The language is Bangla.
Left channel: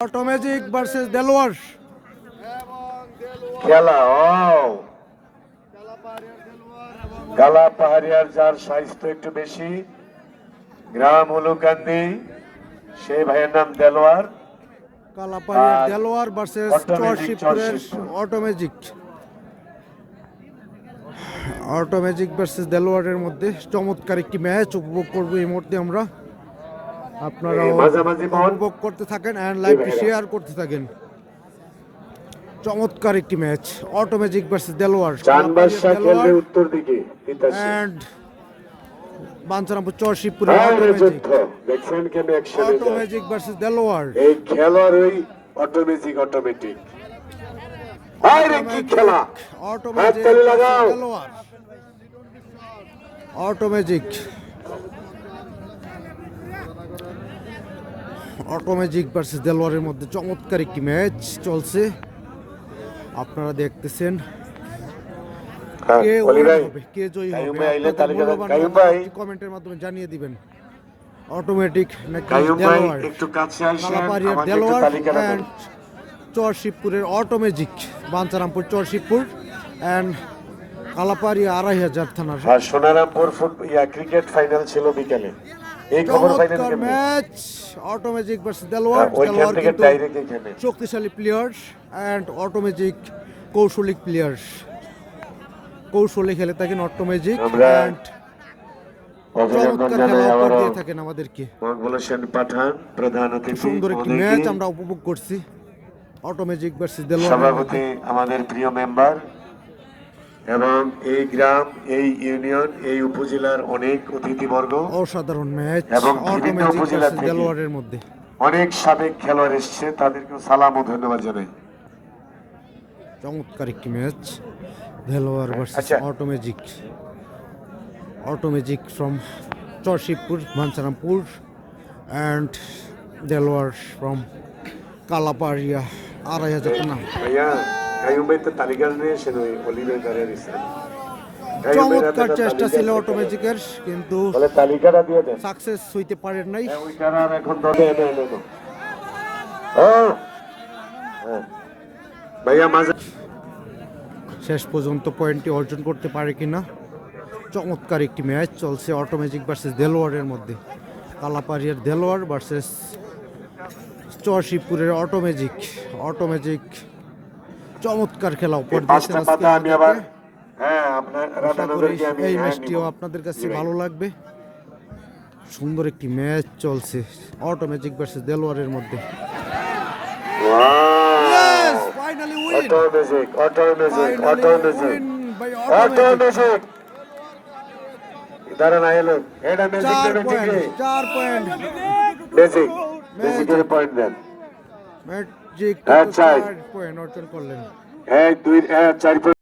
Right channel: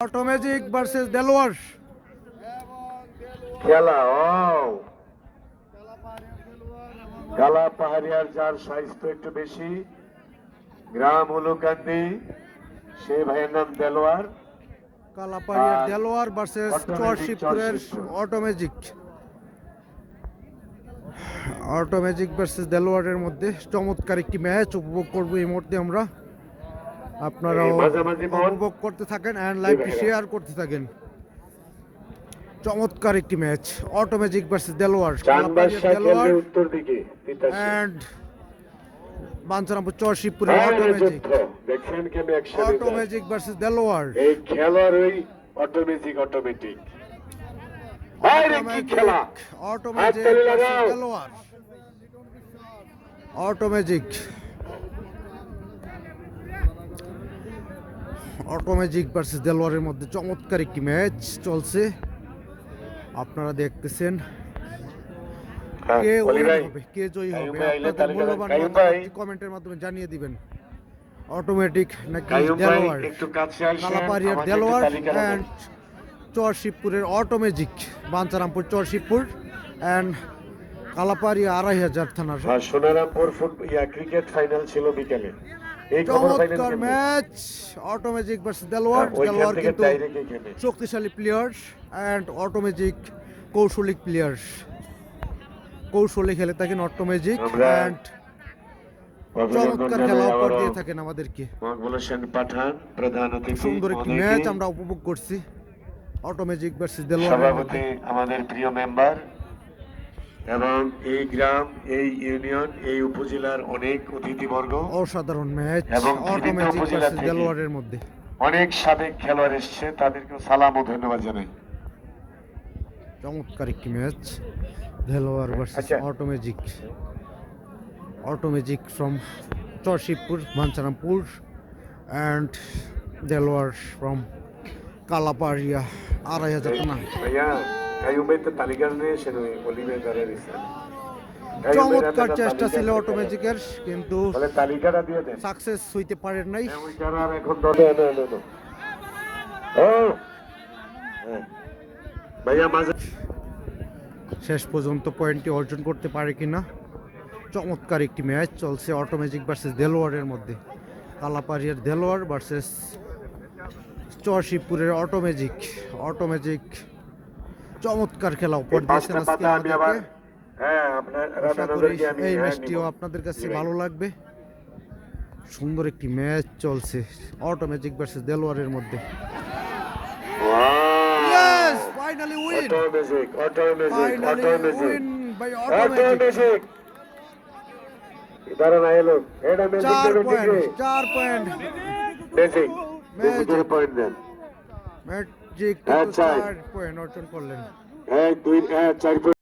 অটোমেজিক ভার্সেস দেলোয়ার খেলা কালা পাহাড়িয়ার যার সাইজ একটু বেশি, গ্রাম হলুকান্দি, সেই ভাইয়ের নাম দেলোয়ার। কালাপাহাড়িয়ার দেলোয়ার ভার্সেস চরশিবপুরের অটোমেজিক ভার্সেস দেলোয়ারের মধ্যে চমৎকার একটি ম্যাচ উপভোগ করব এই মুহূর্তে আমরা। আপনারাও উপভোগ করতে থাকেন এন্ড লাইভটি শেয়ার করতে থাকেন। চমৎকার একটি ম্যাচ অটোমেজিক ভার্সেস দেলোয়ার, কালাপাহাড়িয়ার দেলোয়ার এন্ড বাঞ্ছারামপুর চরশিবপুরের অটোমেজিক ভার্সেস দেলোয়ার। এই খেলার ওই অটোমেটিক অটোমেজিক ভার্সেস দেলোয়ারের মধ্যে চমৎকার একটি ম্যাচ চলছে, আপনারা দেখতেছেন। কে উইন হবে, কে জয়ী হবে, আপনাদের মূল্যবান মতামত কমেন্টের মাধ্যমে জানিয়ে দিবেন। অটোমেটিক নাকি দেলোয়ার, কালাপাহাড়িয়ার দেলোয়ার এন্ড চরশিবপুরের অটোমেজিক, বাঞ্ছারামপুর চরশিবপুর এন্ড কালাপাহাড়িয়া 2500 থানার সোনারামপুর ক্রিকেট ফাইনাল ছিল বিকেলে। চমৎকার match Automagic versus Delwar. Delwar কিন্তু শক্তিশালী প্লেয়ার এন্ড অটোমেজিক কৌশলিক প্লেয়ার, কৌশলে খেলে থাকেন অটোমেজিক এন্ড চমৎকার খেলা উপহার দিয়ে থাকেন আমাদেরকে। সুন্দর একটি ম্যাচ আমরা উপভোগ করছি অটোমেজিক ভার্সেস দেলোয়ারের মধ্যে। আমাদের প্রিয় মেম্বার এবং এই গ্রাম, এই ইউনিয়ন, এই উপজেলার অনেক অতিথিবর্গ, অসাধারণ ম্যাচ অটোমেজিক ভার্সেস দেলোয়ারের মধ্যে। অনেক সাবেক খেলোয়াড় এসেছে, তাদেরকে সালাম ও ধন্যবাদ জানাই। চমৎকার একটি match Delwar versus Automagic. Automagic from Charshibpur, Bancharampur and Delwar from Kalapaharia 2500 থানা। চমৎকার চেষ্টা ছিল অটোমেজিকের, কিন্তু সাকসেস হইতে পারেন নাই। শেষ পর্যন্ত পয়েন্টটি অর্জন করতে পারে কিনা। চমৎকার একটি ম্যাচ চলছে অটোমেজিক ভার্সেস দেলোয়ারের মধ্যে। কালাপাহাড়িয়ার দেলোয়ার ভার্সেস চরশিবপুরের অটোমেজিক চমৎকার খেলা উপহার দিয়েছেন আজকে আমাদেরকে। আশা করি এই ম্যাচটিও আপনাদের কাছে ভালো লাগবে। সুন্দর একটি ম্যাচ চলছে অটোমেজিক ভার্সেস দেলোয়ারের মধ্যে। Finally win by Automagic. 4 point magic 4 point অর্জন করলেন।